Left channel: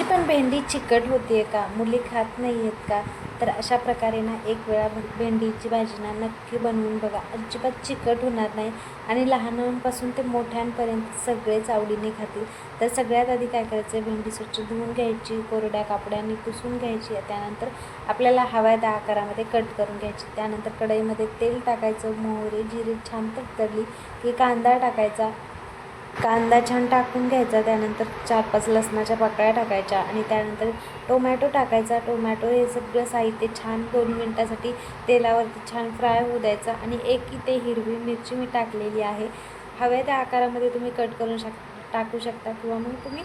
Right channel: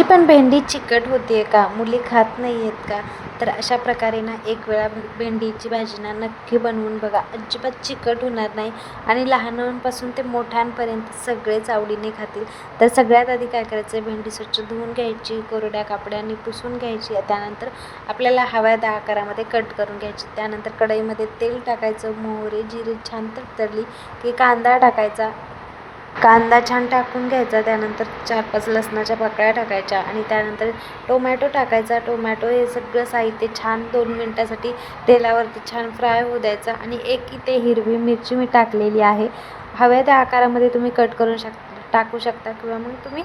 तुमची पण भेंडी चिकट होती आहे का? मुली खात नाही आहेत का? तर अशा प्रकारे ना एक वेळा भेंडीची भाजी ना नक्की बनवून बघा. अजिबात चिकट होणार नाही आणि लहानांपासून ते मोठ्यांपर्यंत सगळेच आवडीने खातील. तर सगळ्यात आधी काय करायचं, भेंडी स्वच्छ धुवून घ्यायची, कोरड्या कापडाने पुसून घ्यायची. त्यानंतर आपल्याला हव्या त्या आकारामध्ये कट करून घ्यायची. त्यानंतर कढईमध्ये तेल टाकायचं, मोहरी जिरे छान तडतडली की कांदा टाकायचा. कांदा छान टाकून घ्यायचा. त्यानंतर 4-5 लसणाच्या पाकळ्या टाकायच्या आणि त्यानंतर टोमॅटो टाकायचा. टोमॅटो हे सगळं साहित्य छान 2 मिनटासाठी तेलावरती छान फ्राय होऊ द्यायचा आणि एक इथे हिरवी मिरची मी टाकलेली आहे. हव्या त्या आकारामध्ये तुम्ही कट करून टाकू शकता किंवा मग तुम्ही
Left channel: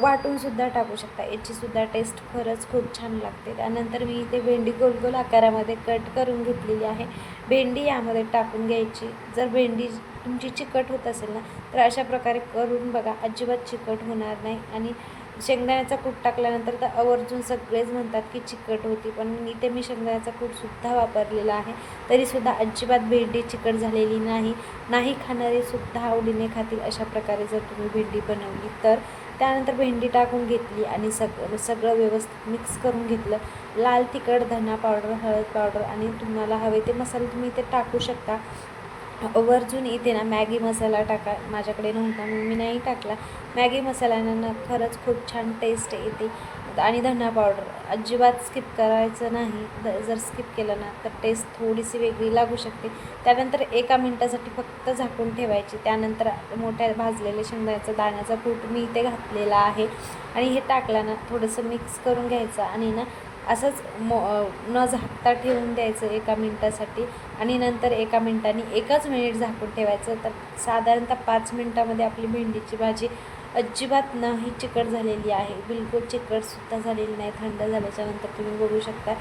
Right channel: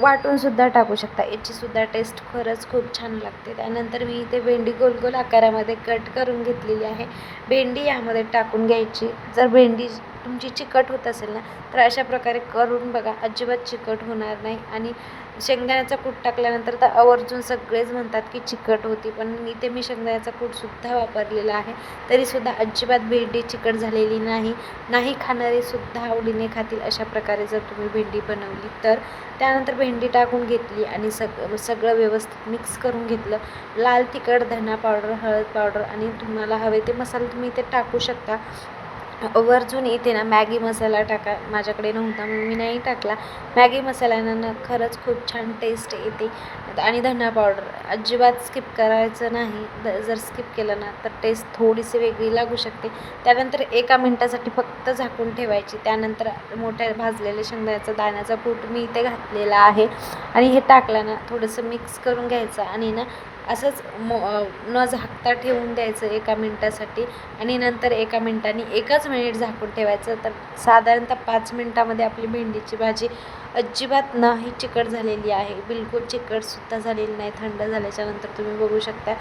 वाटूनसुद्धा टाकू शकता. याचीसुद्धा टेस्ट खरंच खूप छान लागते. त्यानंतर मी इथे भेंडी गोल गोल आकारामध्ये कट करून घेतलेली आहे. भेंडी यामध्ये टाकून घ्यायची. जर भेंडी तुमची चिकट होत असेल ना, तर अशा प्रकारे करून बघा, अजिबात चिकट होणार नाही. आणि शेंगदाण्याचा कूट टाकल्यानंतर तर आवर्जून सगळेच म्हणतात की चिकट होती, पण इथे मी शेंगदाण्याचा कूटसुद्धा वापरलेला आहे, तरीसुद्धा अजिबात भेंडी चिकट झालेली नाही. नाही खाणारेसुद्धा आवडीने खातील अशा प्रकारे जर तुम्ही भेंडी बनवली तर. त्यानंतर भेंडी टाकून घेतली आणि सगळं व्यवस्थित मिक्स करून घेतलं. लाल तिखट, धना पावडर, हळद पावडर आणि तुम्हाला हवे ते मसाले तुम्ही इथे टाकू शकता. वरतून इथे ना मॅगी मसाला टाका. माझ्याकडे नव्हता म्हणून मी नाही टाकला. मॅगी मसाल्यानं खूप छान टेस्ट येते. आणि धना पावडर अजिबात स्किप करायचं नाही. जर स्किप केलं ना तर टेस्ट थोडीशी वेगळी लागू शकते. त्यानंतर 1 मिनटासाठी फक्त झाकून ठेवायची. त्यानंतर मोठ्या भाजलेल्या शेंगदाण्याचा दाण्याचा कूट मी इथे घातलेला आहे आणि हे टाकलं ना थोडंसं मिक्स करून घ्यायचं आणि ना असंच न झाकता ठेवून द्यायचं 1 मिनटासाठी आणि नंतर 1 मिनटाने 1च मिनिट झाकून ठेवायचं. तर साधारणतः 5 मिनटामध्ये आपली भेंडीची भाजी अजिबात नाही चिकट झालेली आहे. बिलकुल चिकटसुद्धा झालेली नाही. थंड झाल्याच्यानंतर तुम्ही बघू शकता.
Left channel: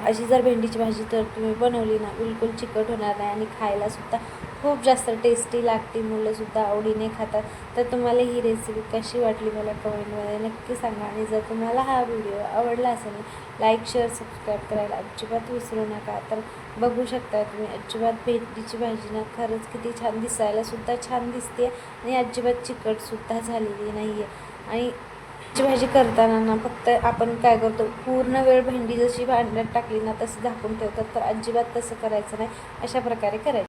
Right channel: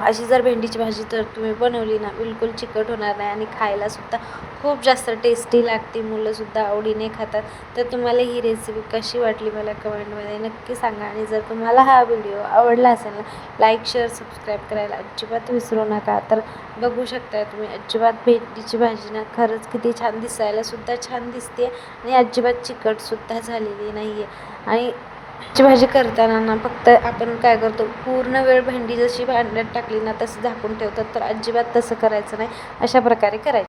अशी जर भेंडीची भाजी तर तुम्ही बनवली ना, बिलकुल चिकट होणार नाही आणि खायलासुद्धा खूप जास्त टेस्टी लागते. मुलंसुद्धा आवडीने खातात. तर तुम्हाला ही रेसिपी कशी वाटली मला कमेंटमध्ये नक्की सांगा. आणि जर तुम्हाला हा व्हिडिओ आवडला असेल ना, लाईक, शेअर, सबस्क्राईब करायला अजिबात विसरू नका. तर बघू शकता तुम्ही, अजिबात भेंडीची भाजी ना खरंच किती छान, दिसायलासुद्धा छान दिसते आणि अजिबात चिकटसुद्धा झालेली नाही आहे. आणि ची भाजी करताना ना फक्त आपण काय करतो, पूर्ण वेळ भेंडी जशी भांड्यात टाकली ना तसं झाकून ठेवतात, तर अजिबात तसं करायचं नाही. अशा प्रकारे करायचं.